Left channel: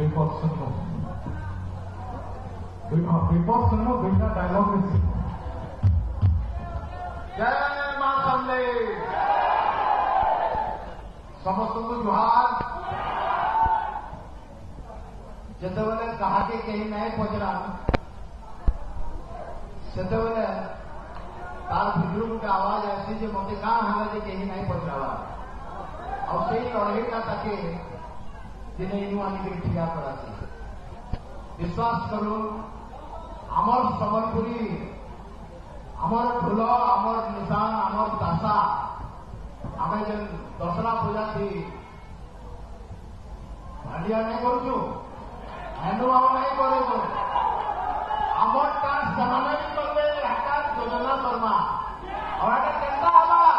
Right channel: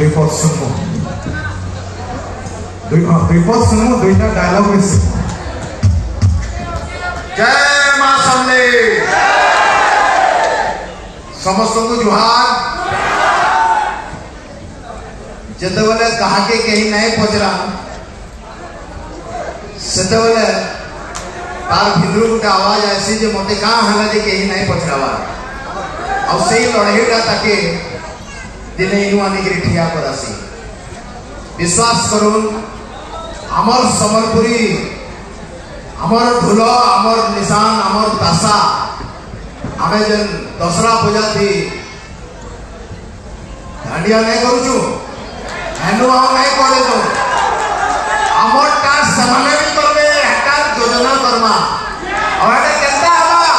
दुईपद सुनमु दुईपद सुनमु दुईटा डायलॉग में से जय मां समले समस्त को जुहार जते बेले कहा के कहीं नहीं पचरा सेते बेले तार भितर गोटे आवाज आसी जे मते का हला जे कहीं नहीं पचरावा आ सेही लड़ेटा ताके दिने इनु आनी के ठिया करासी विश्वास करूं अमर समरपुरी अमर ढोल अमर निशान अमर तासा आमे जन दसरा पूजा थी दांडिया नहीं करूछु हेनु हम नहीं करे तो अमर का समाने भी करबे हटा योजना करमा और एटा केता हवा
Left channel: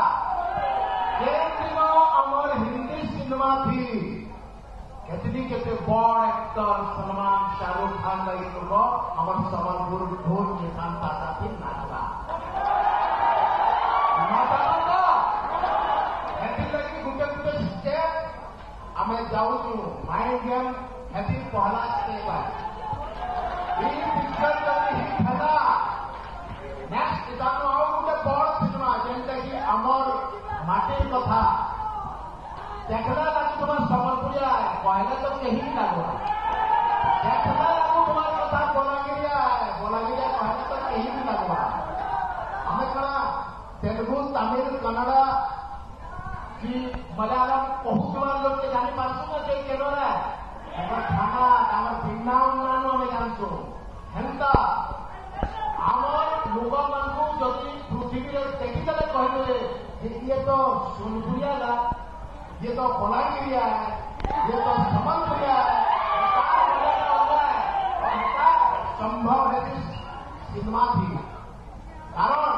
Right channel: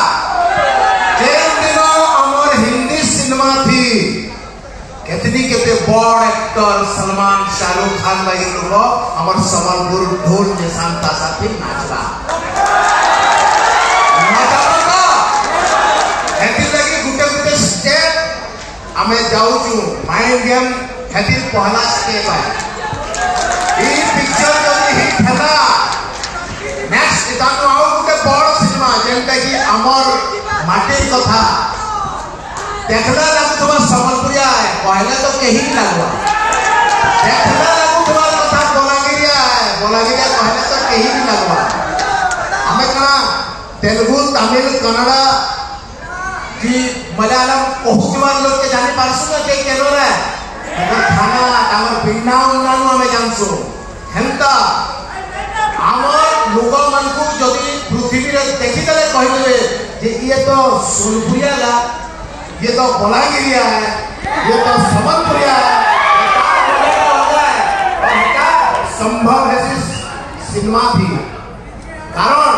जे दिन अमर हिंदी सिनेमा थी केतनी केते बड़ एक्टर सलमान शाहरुख खान भाई लोग अमर समरपुर ढोल निशान तासा थी नाचला आमे जाऊचु माइंड गेम हेतिर पहला स्टेप है ई पिक्चर जदी हिट हैला नेक्स्ट इतानु आउ गुटे बड़ सिनेमा जेंटा कि अमर माटी कथा देखला लागुवा समलपुरिया है पहले तो कहीं नहीं लागवा देखला लागुवा कथा बोलागिरिया है बोलागिरिया पहले तो कहीं नहीं लागवा हमें कना तेलुगु तमिल कन्नड़ कि मलयालम बहुत बार लोग के जाने पारसु ना जे केनो रे अगर खाना तामर पिन्ना उन्नानु हमें जानसु हेंता आमर लोग मन को जदी पृथ्वी रे देखि तले कहि देबे जे ये तो सोनपुरिया ला ये तो बोलागिरिया है ये तो समलपुरिया है ये संभव है सिनेमा थी कारण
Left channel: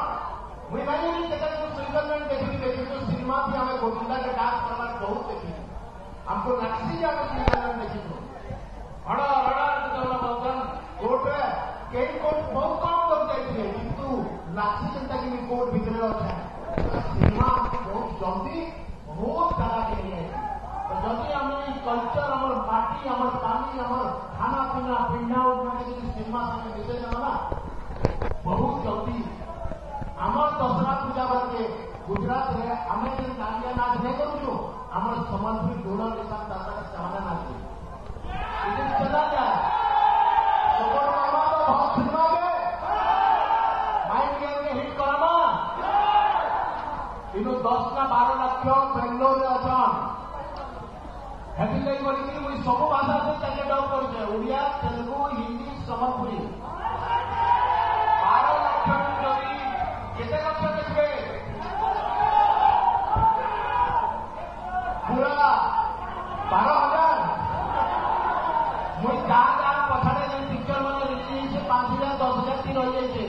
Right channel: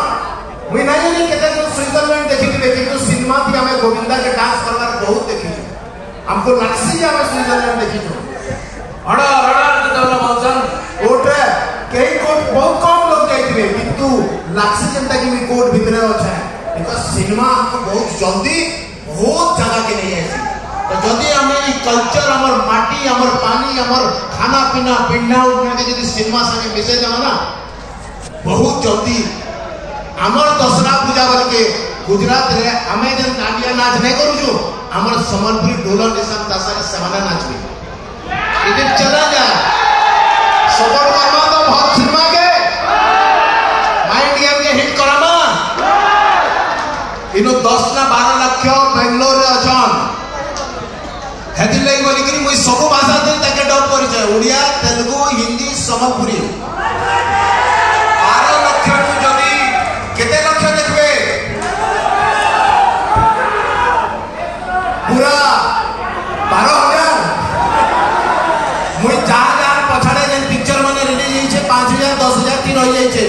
मुई नहीं नहीं केते स्विट्जरलैंड देखि किंतु सिनेमा थी हमें गोविंदा के डांस करवार बहुत देखि हमको लक्ष्य जे हमें स्विट्जरलैंड देखि अड़ा अड़ा तो मनसन कोटे कई कोट बहुत कम लोग जाइथिबे किंतु लक्ष्य जनता की कोट भीतर अच्छा है बिकॉज़ सिनेमा हमको बहुत जल्दी बहुत जगह के नहीं आसी तो जदी हमें ई कल्चर हमर माटी हमर पानी हमर खाना पीना पिन्ना उठना के जदी सिनेमा संगे मिसे जाना ना बहुत जल्दी हमर दसरा पूजा बोल के गुजरात रे हमें जन दांडिया नाच नहीं करू छु हमर समलपुरी ढोल निशान तासा के समाना नाचबे इधर चला जा सपोर्ट करमा तो बहुत सिनेमा के माइंड गेम के हिट करामा इनो 10 ना 12 लाख बेंगलोर रे अछन हेति लई बोली कि मुई सब भाषा दे ताके डब करि छै ओडिया तेलुगु हिंदी समलपुरी 12 लाख जदी केते लक्ष्य देखबे पूरा 12,000 मुई जा पछाड़े जेन पिक्चर माने रिलीज होई छे 5,000 10,000 तीन होई जाई छे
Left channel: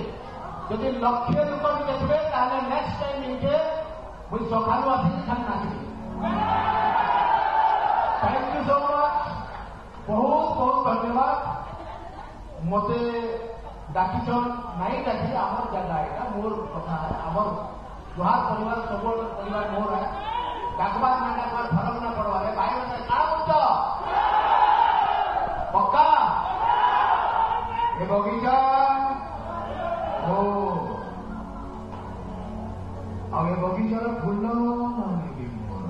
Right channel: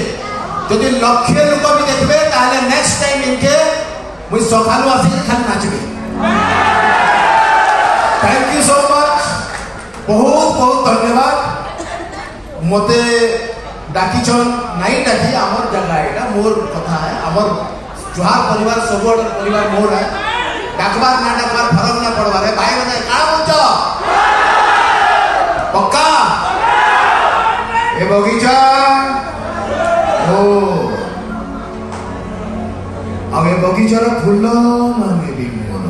जदी लक्ष्य लोक भी देखबे ताले नेक्स्ट टाइम इनके मुई सखालु आसी खाली नाचबे थैंक यू सो मच बहुत बहुत धन्यवाद मते डाकिचन नहीं डाकी आमर जगह एटा मोर कथा है आमर जुहार परिवार सब परिवार मोर है डाकबार ना डाकबार फरक ना पड़वा रे भाई बने का बोलछो पक्का ए बगीचा ओ अब ए बगीचा रा फूल मांगे भी मोर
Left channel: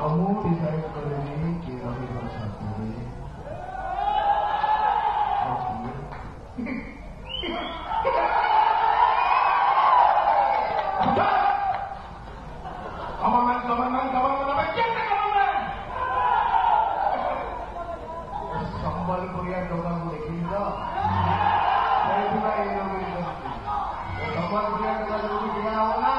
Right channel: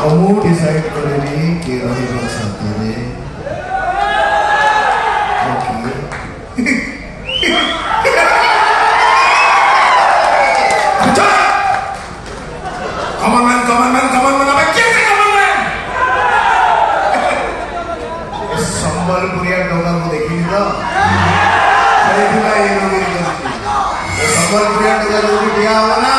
हमू डिसाइड करेली के रही बचाते रे Come on man, अब कैसे come on man? संबलपुरिया डोगा को देखी तो सही दिला ये लोग ये संबलपुरिया डोगा जो भी दिया हुआ ना